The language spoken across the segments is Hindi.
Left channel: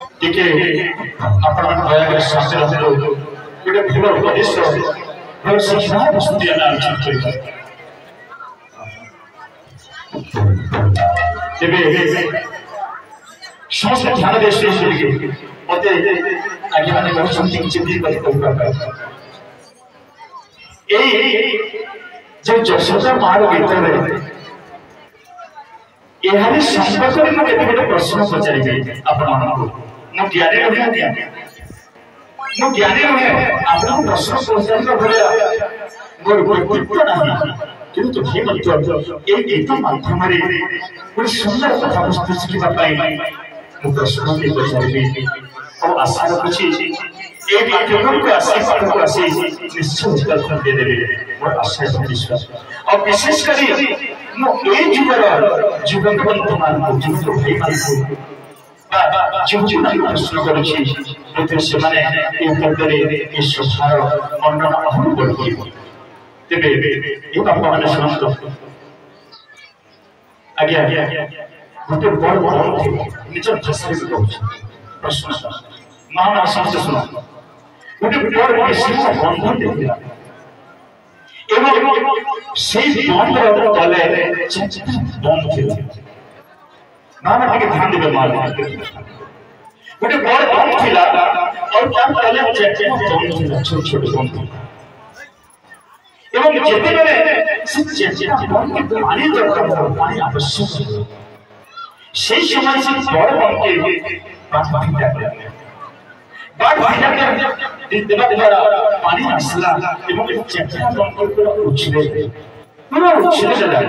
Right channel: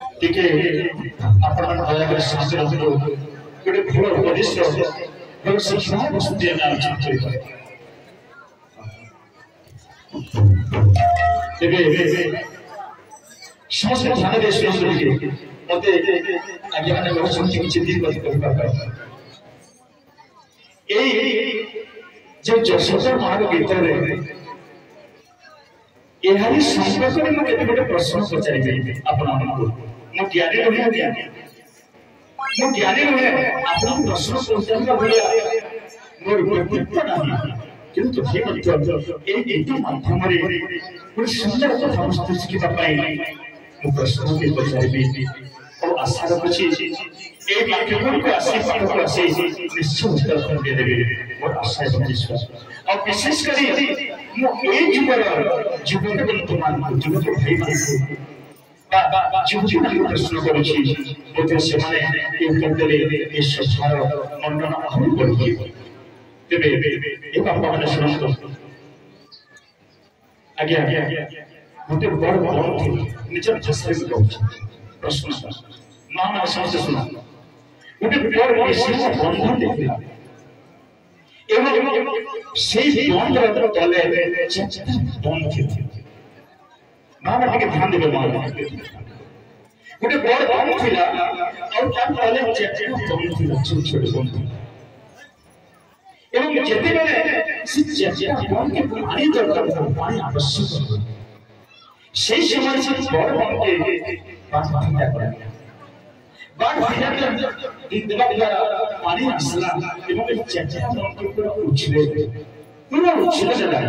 टिके आपण दयाकर शास्त्र हलो गोटे भल उपदेश भल शिक्षा वस्तु आम आलोचना कर समस्त ध्यान दे शुरू मत आज्ञा मैंने कहते किसी दिन जो जशोदा मार गीत यह संपर्क में केते गोटे प्रश्न पचारि आपण मो ज्ञानी नुहे मो ज्ञानी नुहे आपण प्रश्न पचार भाया मोर व्यक्तित्व नहीं किंतु हे मत ए गीत माध्यम रे गोटे सुंदर कथा वस्तु शिखा मु प्रश्न भी पचारि और आशा रखुची ए पाठ्यक्रम को आसी पाठ को आसी निश्चय उत्तर दे देबे मोर आशा है विश्वास और विशेष करी मो ए जुगर बंधु मान को जुगर भाई मान को जो नहीं प्रश्न करुची बोधे से माने ए उत्तर दे ए संसार मंडन अहम बढ़ी तेबे ए बाप माने सुनतो आज्ञा गोटे बड़ बड़ निज भाषा में कहूँ प्रश्न महान समझ सुनो गोटे बड़ विशेष बंधन देखला एवं से बंधन तले बंध थिला मामा टिके ध्यान देबे मार गोटे बड़ बंध थिला और क्या तले बंध थिला छोट छोट बंध एवं जेते बेले से चेचा बंध के पानी दरकार पानी आवश्यक से समय से बड़ बंध के बात भिड़ा के देवा द्वारा पानी आसला एवं चेचा बंद को उछले पूरा उछले चला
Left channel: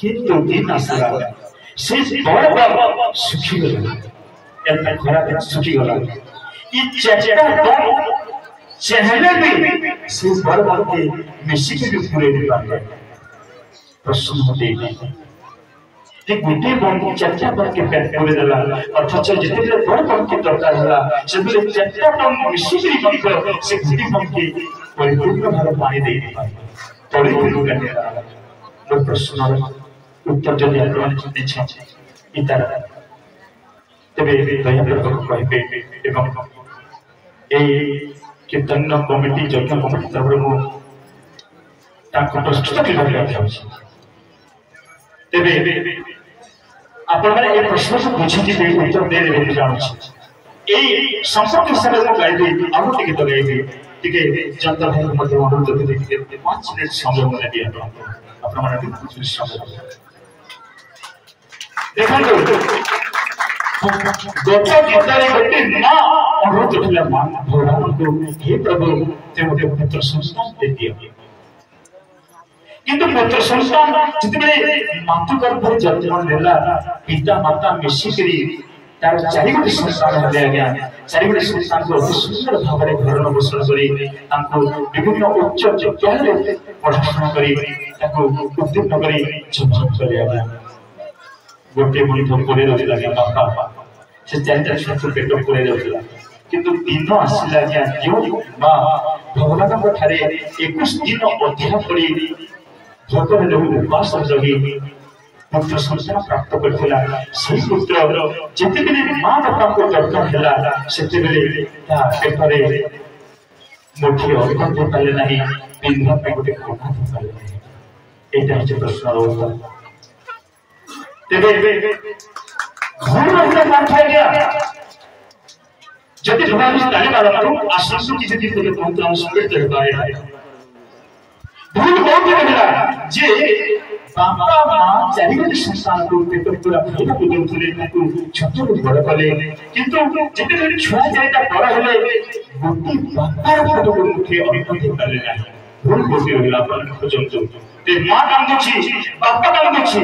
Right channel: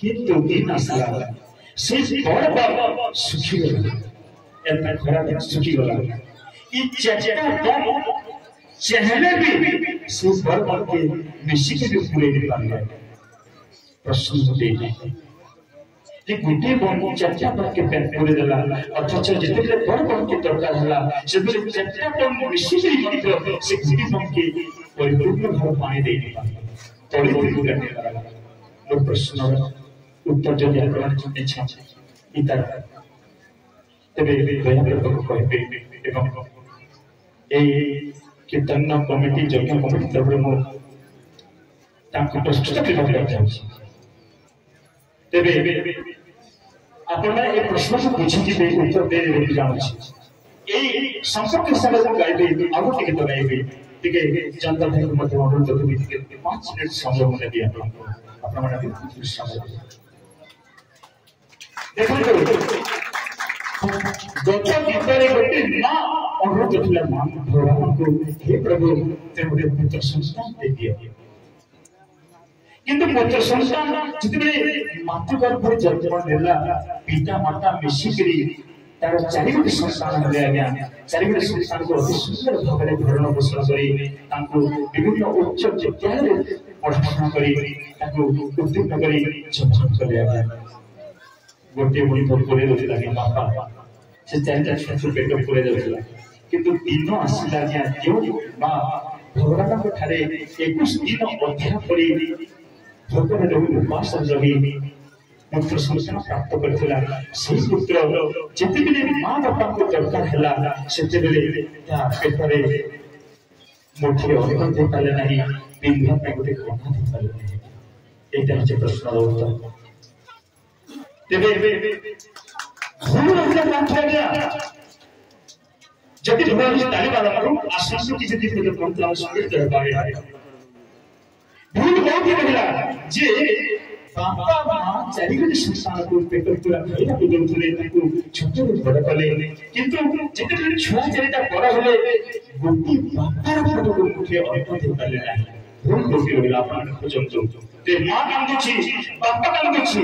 किंतु दिन आसला से बड़ बड़ सुखी गला एता खरा सुखी गला ई चेचा बंद चहले भी से बड़ बड़ के मिसी के पूरे दे पाले प्रश्न होते गोटे बंद चर्चा बंद के पैक कर देला अथच जिते बड़ बंद के दरकार होला से बेले चर्चा बंद मिसिकरी बंद से गोटे बंद के परिपूर्ण भाव पानी दे पाए तळे गुरु गनेला मोर प्रश्न उत्तर जदि आपण चिन्ते छ इतार तबे दया कर कहबे एवं ए कीर्तन कमिटी जज्ञ कमिटी तरफ मो ताको प्रस्तुत करबा चाहूछी तेबे आपण माने ए प्रश्न को बुझी के उत्तर दे देबे चाहूछी ए संपर्क हिसाब से गाइबे आगु टिके तो गाइबे टिके जनता भाई मध्य अनुरोध करते 5 मिनट समय મને दिया आपण माने कुछ समय देखंतु गोटे गीतरे गोटे ना अनुरोध करथिला भगवान को हे प्रभु ते मोटे पुत्र संतान दे दियो किंतु पुत्र संतान जितने मातु गर्भ जन्म नेला पिता माता मिसिकरी तार चारि गोटे संतान हले आज्ञा चारि गोटे संतान को अति सुंदर भाव में भरण पोषण करी तांको विभिन्न उच्च विद्यालय पढ़ाशुना करी ताको उत्तीर्ण करी जन्म करी आज्ञा गोटे मणि तो पूरे दोला बापा से चारिटा छोट पेट पूरे दोला किंतु दिन आसिला आज्ञा जो मां भगवान को ठारे 21 दिन अध्याय पड़ी भोकर लोग उपास जगी पुत्र संतान प्राप्त करथिला से पुत्र जेते बेले मां बापा को दरकार हैला सेते बेले ता पेटरे मुठी अन्न दे पाले नहीं पिंधा पे गोटे कोना दे पाले नहीं एटा जे प्रश्न उत्तर तेबे भूल रहता माथा गया जति भगवान ताली वाला को आश्वासन की जति को पहुंचा स्पिरिट है बाहर भूल हो गया जे बापा मां चारि गोटे संतान को पेट पूरा खाइबा को देउथले ताको छोट को बड़ कले किंतु जेते बेले छुआ चारिटा बड़ हले गोटी बापा फोटो को मुखे अन्न दे पाले नाही भूल होती रहला अपन खोजम जो ते मां काम छी बापा काम छी